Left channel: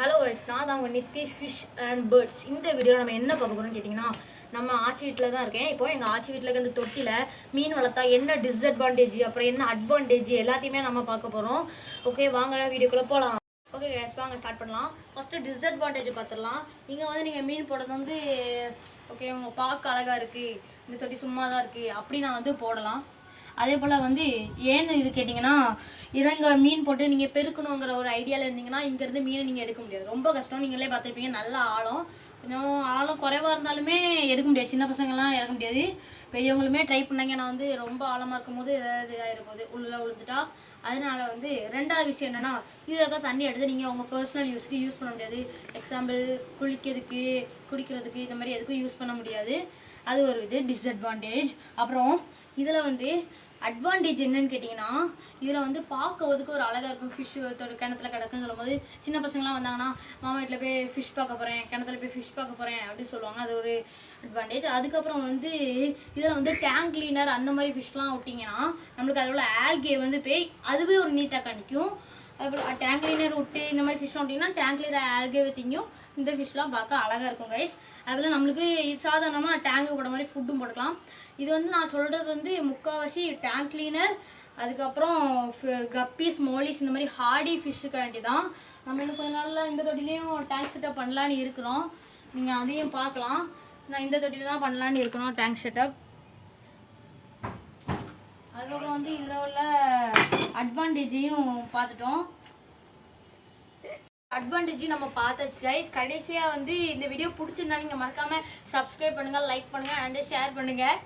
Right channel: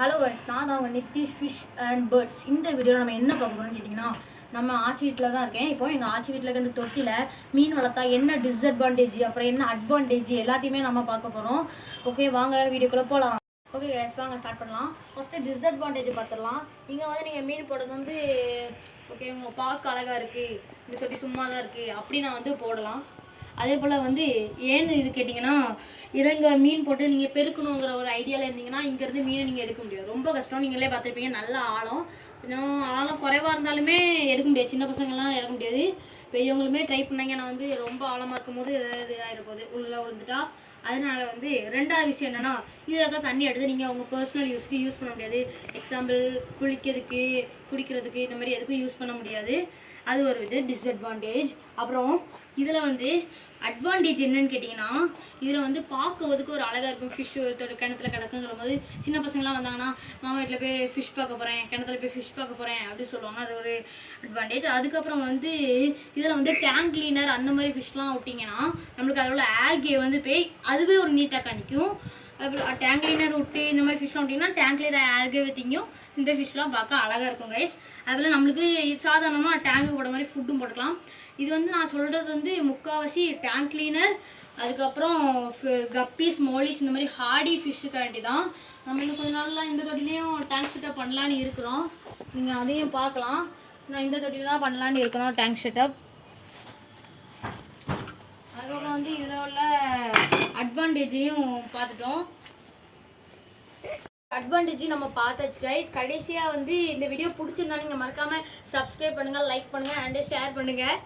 Hello guys, நான் தான் உங்கள் நித்திஷ் ஃபிஷ் அண்ட் பேர்ட்ஸ். இந்த வீடியோவில் நம்ம என்ன பார்க்க போகிறோம்னு கேட்டிங்கன்னா, நம்ம ஆச்சி வீட்டில் தான் இருக்கேன். இப்போ எங்கள் ஆச்சி வீட்டில் இருக்க இந்த தொட்டியில் மீன் வளர்த்தா என்ன டிஸ்அட்வான்டேஜ், அப்புறம் என்ன அட்வான்டேஜ் எல்லாத்தையுமே நம்ம பார்க்க போகிறோம். ஓகே, வாங்க வீடியோக்குள்ளே போகலாம். ஓகே கைஸ், வாங்க ஸ்டார்ட் பண்ணலாம். ஃபஸ்ட்டு டிஸ்அட்வான்டேஜ் பார்த்துடலாம். இங்கே வந்து நீங்கள் மீன் போடுறது வந்து ஓகே, உங்கள் பார்க்க அழகாக இருக்குது, இந்த தொட்டி சும்மா தான் இருக்குது அப்படி நான் வந்து போடலாம். அதே போல் வந்து ஏன்னு இது கேட்டிங்கன்னா, இறங்க மீன் போட்டு நீங்கள் பெருக்கணுங்கிற ஒரு ஐடியாவில் இருந்தீங்கன்னா இங்கேருந்து மீனை நீங்கள் எடுக்க முடியாது. ரொம்ப கஷ்டம். நீங்களே பார்த்துருப்பீங்க, நல்ல ஆழம். கொஞ்சம் ஆழம் குறைவாக இருந்தாலுமே எடுக்க முடியாது. சின்ன பசங்கள்லாம் எடுக்க முடியாது. பெரியவங்களுமே ட்ரை பண்ணாங்க. நான் வந்து ரொம்ப ஆழமாக இருக்கும் போது ஏதாவது இதாகிடும் போது உள்ளே விழுந்துட்டா. அதனால வந்து ரெண்டாவது விஷயம் என்னென்னா, இதில் தண்ணி எடுத்து நீங்கள் உங்கள் பர்சனல் யூஸ்க்கு யூஸ் பண்ண முடியாது. எக்ஸாம்பிள் குளிக்கிறதுக்கு, குடிக்கிறதுக்கு, இந்த மாதிரி எதுக்கும் யூஸ் பண்ண முடியாது. அது ஒரு இது டிஸ்அட்வான்டேஜ். அப்புறம் இதில் வந்து அட்வான்டேஜ் என்னன்னு கேட்டிங்கன்னா, இதில் வந்து பார்க்கறதுக்கு ஒரு அழகாக இருக்கும். ஃபிஷ் கிணத்துல கிடக்குங்கிற போது சின்ன பசங்களாம் வந்தாங்கன்னா, மாமா வீட்டில் போய் ஃபிஷ் பார்க்க போகிறேன், கிணத்துல போய் ஃபிஷ் பார்க்க போகிறேன் அப்படின்னு சொல்லுவாங்க. அது ஒரு அட்வான்டேஜ். அதுக்கப்புறம் வந்து இதில் வந்து டேங்க் கிளீனர் அந்த மாதிரி ஃபிஷ்லாம் விட்டிங்கன்னா நம்மளுக்கு அதோட ஆல்கே வந்து போய் அதுவே ஒரு நீட்டாக காணிக்கும். அதுக்கப்புறம் டேங்க் கிளீனர் விட்டு இந்த மாதிரி ஃபிஷ்லாம் விட்டிங்கன்னா டேங்க் கிளீனர் ஆல்கே விற்றிங்கும். இந்த ஃபிஷ்லாம் பார்க்க அழகாக இருக்கும் கைஸ். அதுபோல் நம்மளுக்கு சாதாரணமாக டேங்கு போட மாதிரி ஃபுட்டும் போட்டுக்கலாம். இது வந்து நான் சொல்கிறது வந்து முக்கால்வாசி டேங்க் கிளீனர், அதுக்கப்புறம் கப்பீஸ், மோலிஸ், இந்த மாதிரி ஹார்டி ஃபிஷ்ஷுக்காண்டி தான். நம்ம இன்னும் கொஞ்சம் நாளில் இந்த தொட்டிலையும் டேங்க் செட்டப் பண்ணலான்னு இருக்கிறோம். நீங்கள் அதையும் பார்க்கலாம். நான் இந்த தொட்டியில் தான் பண்ணலான்னு இருக்கிறோம் டேங்க் செட்டப். அதுக்கப்புறம் வந்து இதில் உள்ள அட்வான்டேஜையும் பார்த்துட்டோம். அட்வான்டேஜ் நம்ம பார்த்தாச்சு கைஸ். கடைசியாக வந்து இந்த வீடியோ பிடிச்சிருந்தா நீங்கள் மறக்காமல் சப்ஸ்கிரைப் பண்ணுங்கள், லைக் பண்ணுங்கள் அண்ட் ஷேர் பண்ணுங்கள்.